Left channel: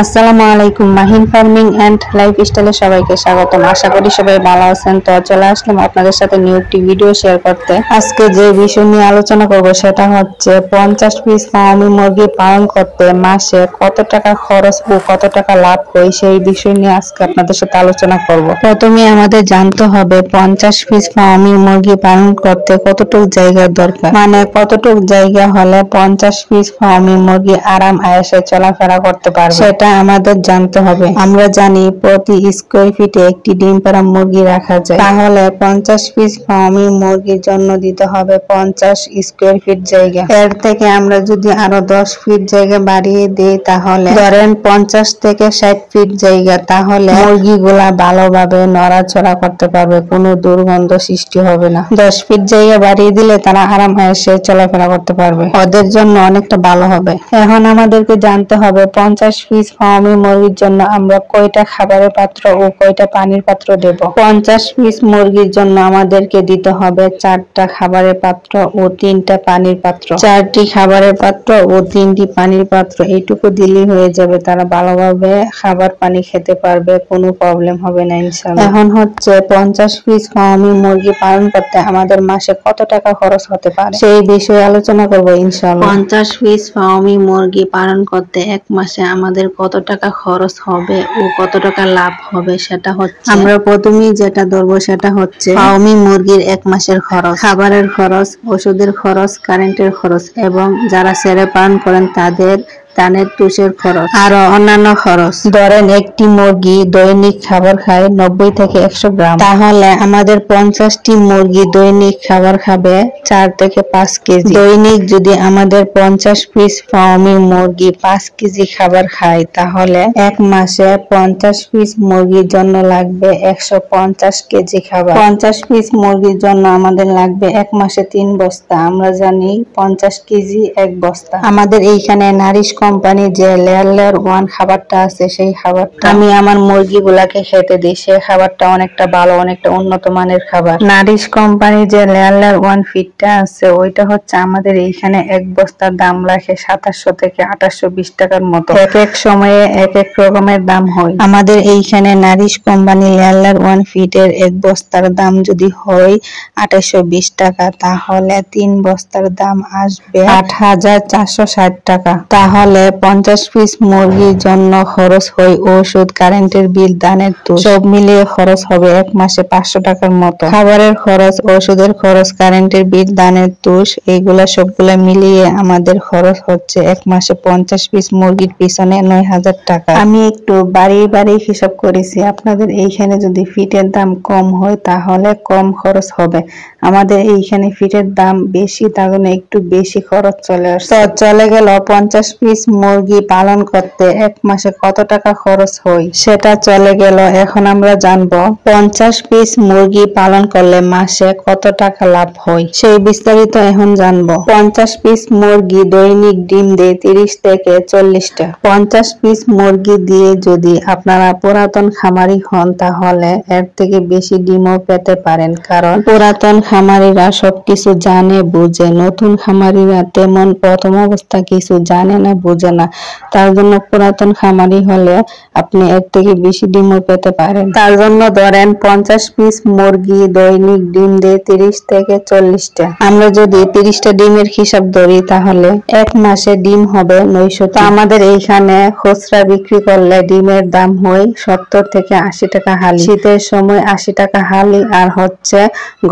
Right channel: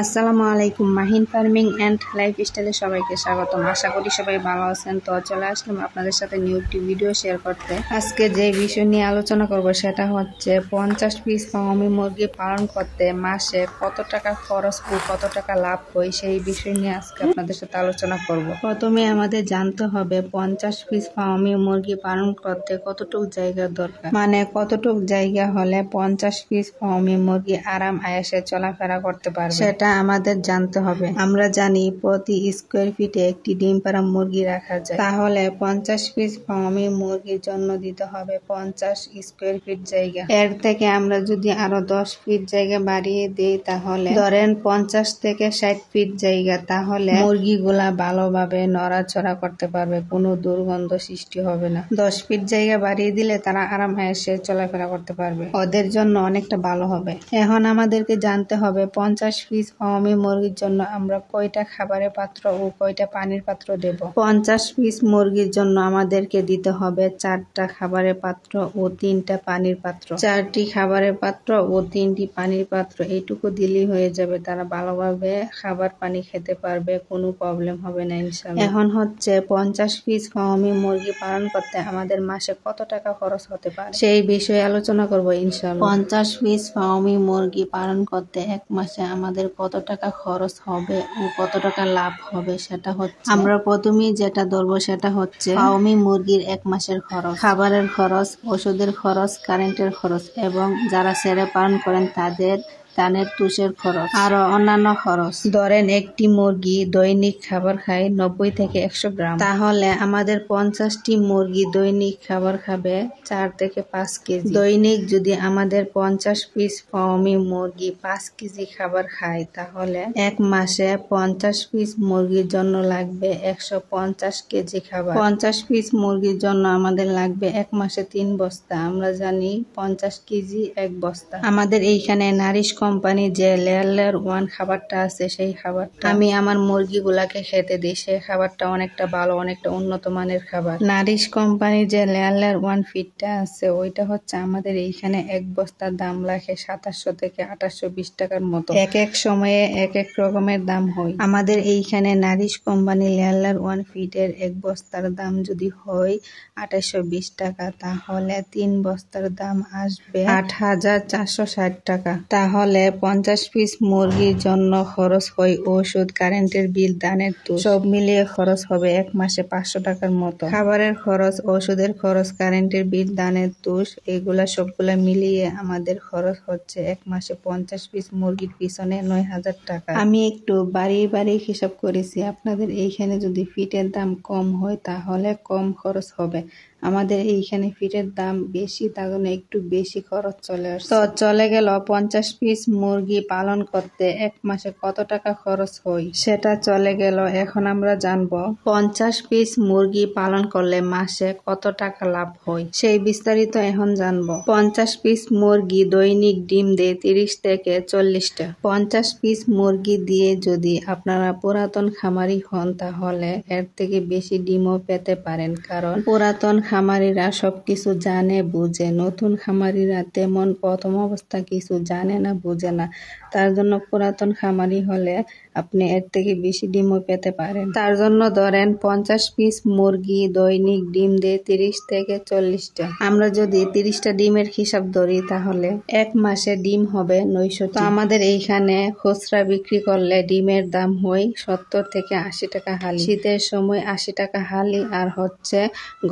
আসসালামু আলাইকুম। Mahin farming and লাইফস্টাইলে সবাইকে স্বাগতম। আশা করি সবাই ভালো আছেন। তো চলে আসলাম আপনাদের সাথে নিউ একটি ভিডিও শেয়ার করতে। আজকে যে বিষয় নিয়ে আলোচনা করব সেটা হচ্ছে 50 পিস ফার্মি মুরগি পালন করতে মাসে কত টাকা খরচ ও কত টাকা লাভ হয় সেই বিষয় নিয়ে আজকে আপনাদের সাথে আলোচনা করব। প্রথমে আমাদের জানতে হবে 50 পিস ফার্মি মুরগি পালন করতে কতটুকু জায়গার দরকার, মানে কতটুকু জায়গা হলে 50 পিস ফার্মি মুরগি আরাম আয়েশে চলাফেরা করতে পারবে সেটা আমাদের জানতে হবে। আমরা জানি প্রতি স্কোয়ার ফিটে একটি ডিম পাড়া মুরগি রাখা যায়, তাহলে 50 পিস ফার্মি মুরগির জন্য দিতে হবে 50 স্কোয়ার ফিট জায়গা। এর থেকে আমরা যদি আরো 10 ফিট জায়গা বাড়িয়ে দিই তাহলে ধরেন 50 থেকে 60 ফিট জায়গা, তাহলে মুরগিগুলা ভালোভাবে নড়াচড়া করতে পারবে, কোনো দুর্গন্ধ সৃষ্টি হবে না। 10 ফিট জায়গা বাড়িয়ে দিলে তারা আরাম আয়েশে চলাফেরা করতে পারবে, ওদের জন্য অনেকটা ভালো হবে। এখন আমাদেরকে জানতে হবে 50 পিস ফার্মি মুরগির জন্য আমরা কয়টা খাবারের পাত্র ও কয়টা পানির পাত্র দেব। 50 পিস মুরগির জন্য আমাদেরকে দিতে হবে 4টা খাবারের পাত্র ও 3টা পানির পাত্র। 4টি খাবারের পাত্র ও 3টি পানির পাত্র এইটুকু দিলেই হয়ে যাবে, তারা ভালোভাবে খাবার পানি খেতে পারবে, কোনো প্রবলেম হবে না ইনশাআল্লাহ। এখন হচ্ছে 50 পিস ফার্মি মুরগি পালন করতে আমাদের মাসে কত টাকা খরচ হতে পারে সেই বিষয়ে আলোচনা করব ইনশাআল্লাহ। 50 পিস ফার্মি মুরগি পালন করতে এক মাসে আমাদের কত টাকা খরচ হবে ও কত টাকা লাভ হবে সেটা হচ্ছে, আমরা প্রথমেই যেটা ধরবো সেটা হচ্ছে ফার্মি মুরগির এক মাসের খরচ, খাবারের খরচ, ওষুধের খরচ, কারেন্টের খরচ এবং যারা ছেড়ে পালন করেন তাদের দানের তুষের খরচ আরো অন্যান্য খরচ। ধরেন একটি মুরগি দৈনিক খাবার খায় 90 থেকে 100 গ্রাম, তাহলে আমাদের 50টি মুরগি দৈনিক খাবার খাবে 4 থেকে 5 কেজি। দৈনিক যদি আমাদের 50 পিস ফার্মি মুরগি 5 কেজি খাবার খায় তাহলে এক মাসে 50 পিস মুরগির জন্য লাগবে 150 কেজি খাবার। 50 পিস মুরগির জন্য আমাদের লাগবে এক মাসে 3 বস্তা। আমরা জানি 50 কেজি এক বস্তা। আমাদের এইখানে নারিশ কোম্পানি যে লেয়ার 1 খাবারটা আছে সেই খাবারটা আমি আমার মুরগিগুলাকে খেতে দিই। সেই খাবারটা অনেকটা ভালো, অনেকটা উন্নত মানের খাবার। নারিশ কোম্পানি যে লেয়ার 1 ফিডটা আছে ওইটা হচ্ছে আমাদের এইখানে এক বস্তার দাম রাখে 2700 থেকে 2820 টাকার মতো। এক এক সময়ে এক এক রকমের দাম হয়। আমাদের এইখানে নারিশ কোম্পানি লেয়ার 1 ফিডের এক বস্তার দাম যদি হয় 2820 টাকা, তাহলে 3 বস্তার দাম আসবে 8460 টাকা। তাহলে 50 পিস মুরগির জন্য খরচ হয় ওষুধ, কারেন্টের বিল, দানের তুষ সব মিলিয়ে খরচ হবে এক মাসে 500 টাকার মতো। খাবারের খরচ, ওষুধের খরচ, কারেন্টের বিল, দানের তুষ এইগুলা সবগুলা মিলিয়ে আমাদের খরচ হচ্ছে এক মাসে 50 পিস মুরগির পিছনে 9000 টাকা। আমি একটু বাড়ি হিসাব করেছি, আপনাদের এইখানে যদি ফিটের দাম কম হয় তাহলে কম খরচ হবে। আমাদের এইখানে ফিটের দাম বেশি, তার জন্য একটু বেশি খরচ চলে আসছে। তো চলে গেল 50 পিস মুরগি পালন করতে এক মাসে কত টাকা খরচ হয় সেটা চলে গেল। এখন আমরা জানবো 50 পিস মুরগি পালন করলে মাসে কত টাকা লাভ হয় সেই বিস্তারিত এখন জানবো। 50 পিস মুরগি দৈনিক ডিম দেয় 30 থেকে 40টা। 50 পিস মুরগি দিয়ে যদি আপনারা পুরাতন খামারি হন তাহলে এর থেকে বেশি ডিমও পেতে পারেন, কারণ পুরাতন খামারিরা সবকিছু জানে বুঝে, নতুন খামারিরা তেমন প্রথম অবস্থা কিছু জানে না বুঝে না। তার জন্য পুরাতন খামারি হলে আপনি এর থেকে বেশি ডিমও পেতে পারেন। তার জন্য ধরেন 50 পিস মুরগি দৈনিক ডিম দেয় 30 থেকে 40টা। আমরা যদি 30টা ডিমের হিসাব ধরি তাহলে এক মাসে ডিম হবে 900। তো আমাদের এইখানে খুচরা বিক্রি করলে ডিমের দাম হয় 70 থেকে 80 টাকা হালি। শীতের সময় 80 টাকা হালি আর হচ্ছে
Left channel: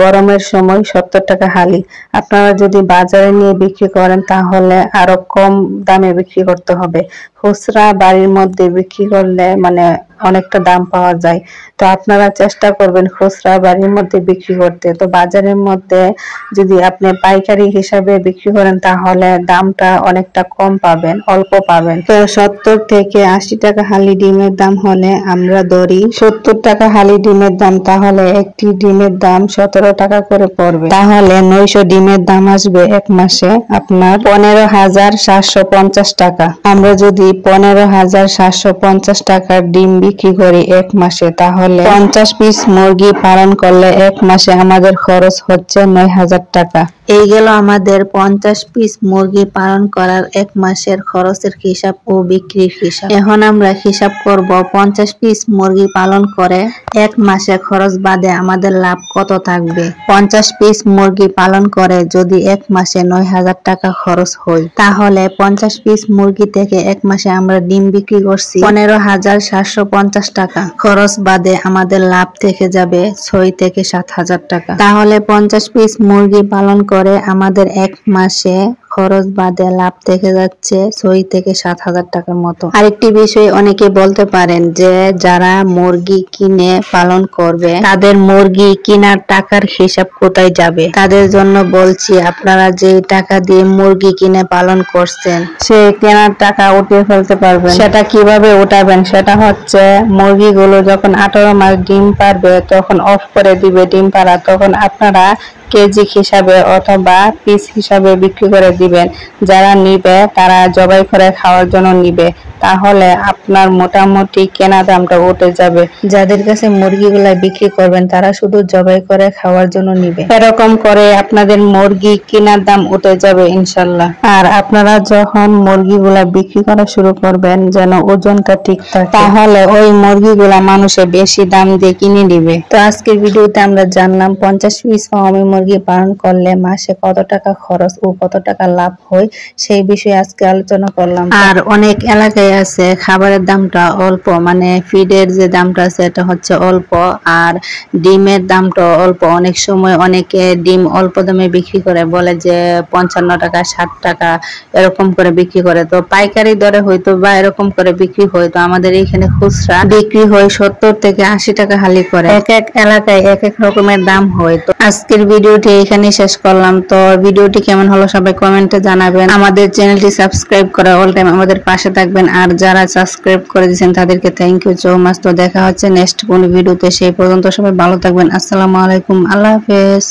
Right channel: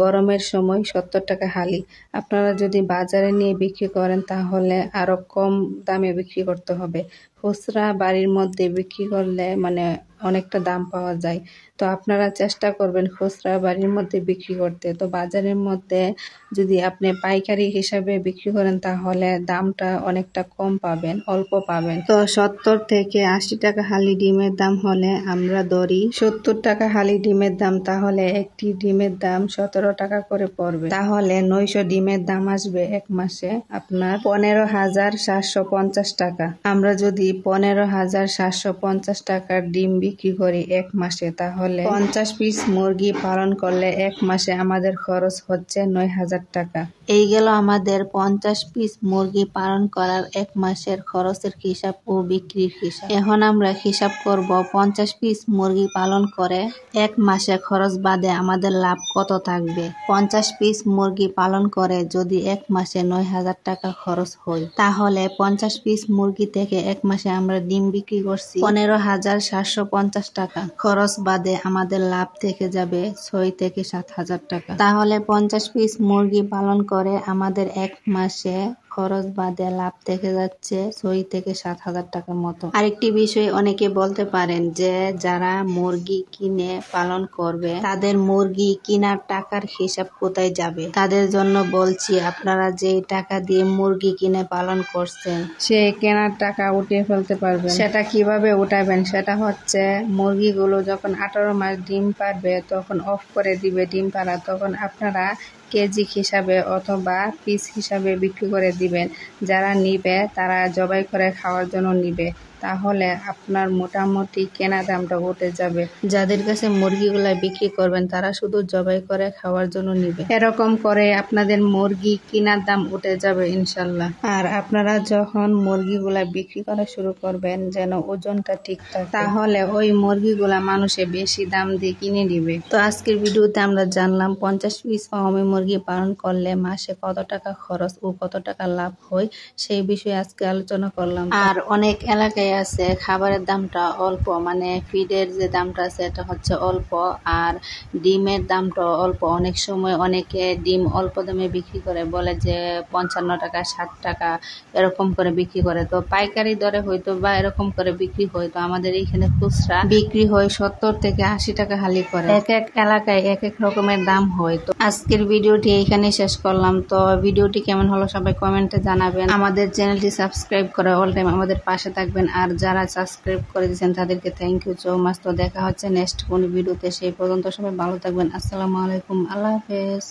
গরমের সময় 70 টাকা হালি। আপনারা যদি বাজারে নিয়ে বিক্রি করেন তাহলে আরো কম দামে বিক্রি করতে হবে। খুচরা বাড়ির মধ্যে বিক্রি করলে মানে অনেকটা দাম পাওয়া যায়। তো আপনারা চেষ্টা করবেন খুচরা বাড়ির মধ্যে বিক্রি করতে। তো বাজারের মধ্যে যদি আপনি পাইকারি হিসাবে বিক্রি করেন তাহলে দামটা অনেকটা কম পাবেন, অল্প পাবেন। তো 70 থেকে 80 টাকা হালি ডিমের দাম হলে আমরা ধরি 70 টাকা হালি ডিমের দাম, তাহলে একটি ডিমের দাম 17 টাকা করে পড়বে। তাহলে 900 ডিমের দাম আসবে এক মাসে আপনার 15750 টাকা। আমরা যদি 15,750 টাকার ডিম বিক্রি করি এক মাসে, তাহলে 50 পিস মুরগি পালন করলে এক মাসে আমাদের খরচ হচ্ছে 9,000 টাকা। এই গেল আমাদের 50 পিস মুরগি পালন করার এক মাসের খরচের হিসাব ও বিক্রির হিসাব। এখন আমরা হিসাব করব 50 পিস মুরগি পালন করে এক মাসে খরচ বাদে আমাদের লাভ কত থাকবে। 50 পিস মুরগি পালন করে যদি এক মাসে 9,000 টাকা খরচ হয়, তাহলে 50 পিস মুরগি থেকে এক মাসে আমরা ডিম বিক্রি করছি 15,750 টাকা। খরচ বাদে আমাদের লাভ থেকে যাবে 6 থেকে 7,000 টাকা। তাহলে 50 পিস মুরগি পালন করে আমাদের এক মাসে খরচ বাদে লাভ থেকে যাচ্ছে 6 থেকে 7,000 টাকার মতো। আরেকটি বিষয় অনেকে বলতে পারেন যে যারা মুরগি কিনে পালন করবে তাদের মুরগি কেনার টাকার হিসাব কোথায় যাবে। তাদের জন্য বলছি, আপনারা যে টাকা দিয়ে মুরগি কিনে পালন করছেন সে কেনার টাকা উঠিয়ে ফেলতে পারবেন। সেটা কিভাবে উঠাবেন, সেটা হচ্ছে মুরগিগুলো যখন 18 মাস ডিম পারবে তখন অফ করে দিবে ডিম পাড়া, তখন আপনারা কেজি হিসাবে অথবা পিস হিসাবে বিক্রি করে দিবেন। যারা নিবে তারা জবাই করে খাওয়ার জন্য নিবে, তাহলে আপনার মোটামুটি কেনা দামটা উঠে যাবে। যাদের কাছে মুরগিগুলা বিক্রি করবেন তারা শুধু জবাই করে খাওয়ার জন্য নিবে। এরকম করে আপনাদের মুরগি কেনার দাম উঠে যাবে ইনশাল্লাহ। আর আপনারা যখন মুরগিগুলা বিক্রি করা শুরু করবেন যেন ওজনটা ঠিক থাকে, তাহলে ওই মুরগিগুলা মানুষে বেশি দাম দিয়ে কিনে নিবে। তো আজকের ভিডিওতে আমরা জানলাম 50 পিস ফার্মি মুরগি পালন করলে মাসে কত টাকা খরচ ও কত টাকা লাভ হয়, সেই বিষয়ে আজকে আলোচনা করলাম। আর অনেক এলাকায় আছে খাবারের দামটা অল্প, মানে ফিডের যে দামটা আছে এটা হচ্ছে অল্প, আর ডিমের দামটা অল্প। অনেক সময় অনেকে ডিম অল্প দামে বিক্রি করে, বলে যে 55 টাকা 60 টাকা এরকম করে বিক্রি করে। তো পাইকারি দরে হয়তো বা এরকম করে বিক্রি হয়, তো আমাদের এখানে খুচরা বিক্রি হয় 70 থেকে 80 টাকা হালি করে। এক এক এলাকায় এক এক রকমের দাম হয়। তো আজকের ভিডিওটি এখানে শেষ করলাম। তো ভিডিওটি কেমন হলো সবাই কমেন্টে জানাবেন। আমাদের চ্যানেলটি সাবস্ক্রাইব করে অল টাইম আমাদের পাশে থাকবেন। আর যারা সাবস্ক্রাইব করে দিয়েছেন তাদেরকে থ্যাংক ইউ সো মাচ। তো দেখা হচ্ছে নেক্সট কোন ভিডিওতে, সেই পর্যন্ত সবাই ভালো থাকবেন। আসসালামু আলাইকুম, আল্লাহ হাফেজ।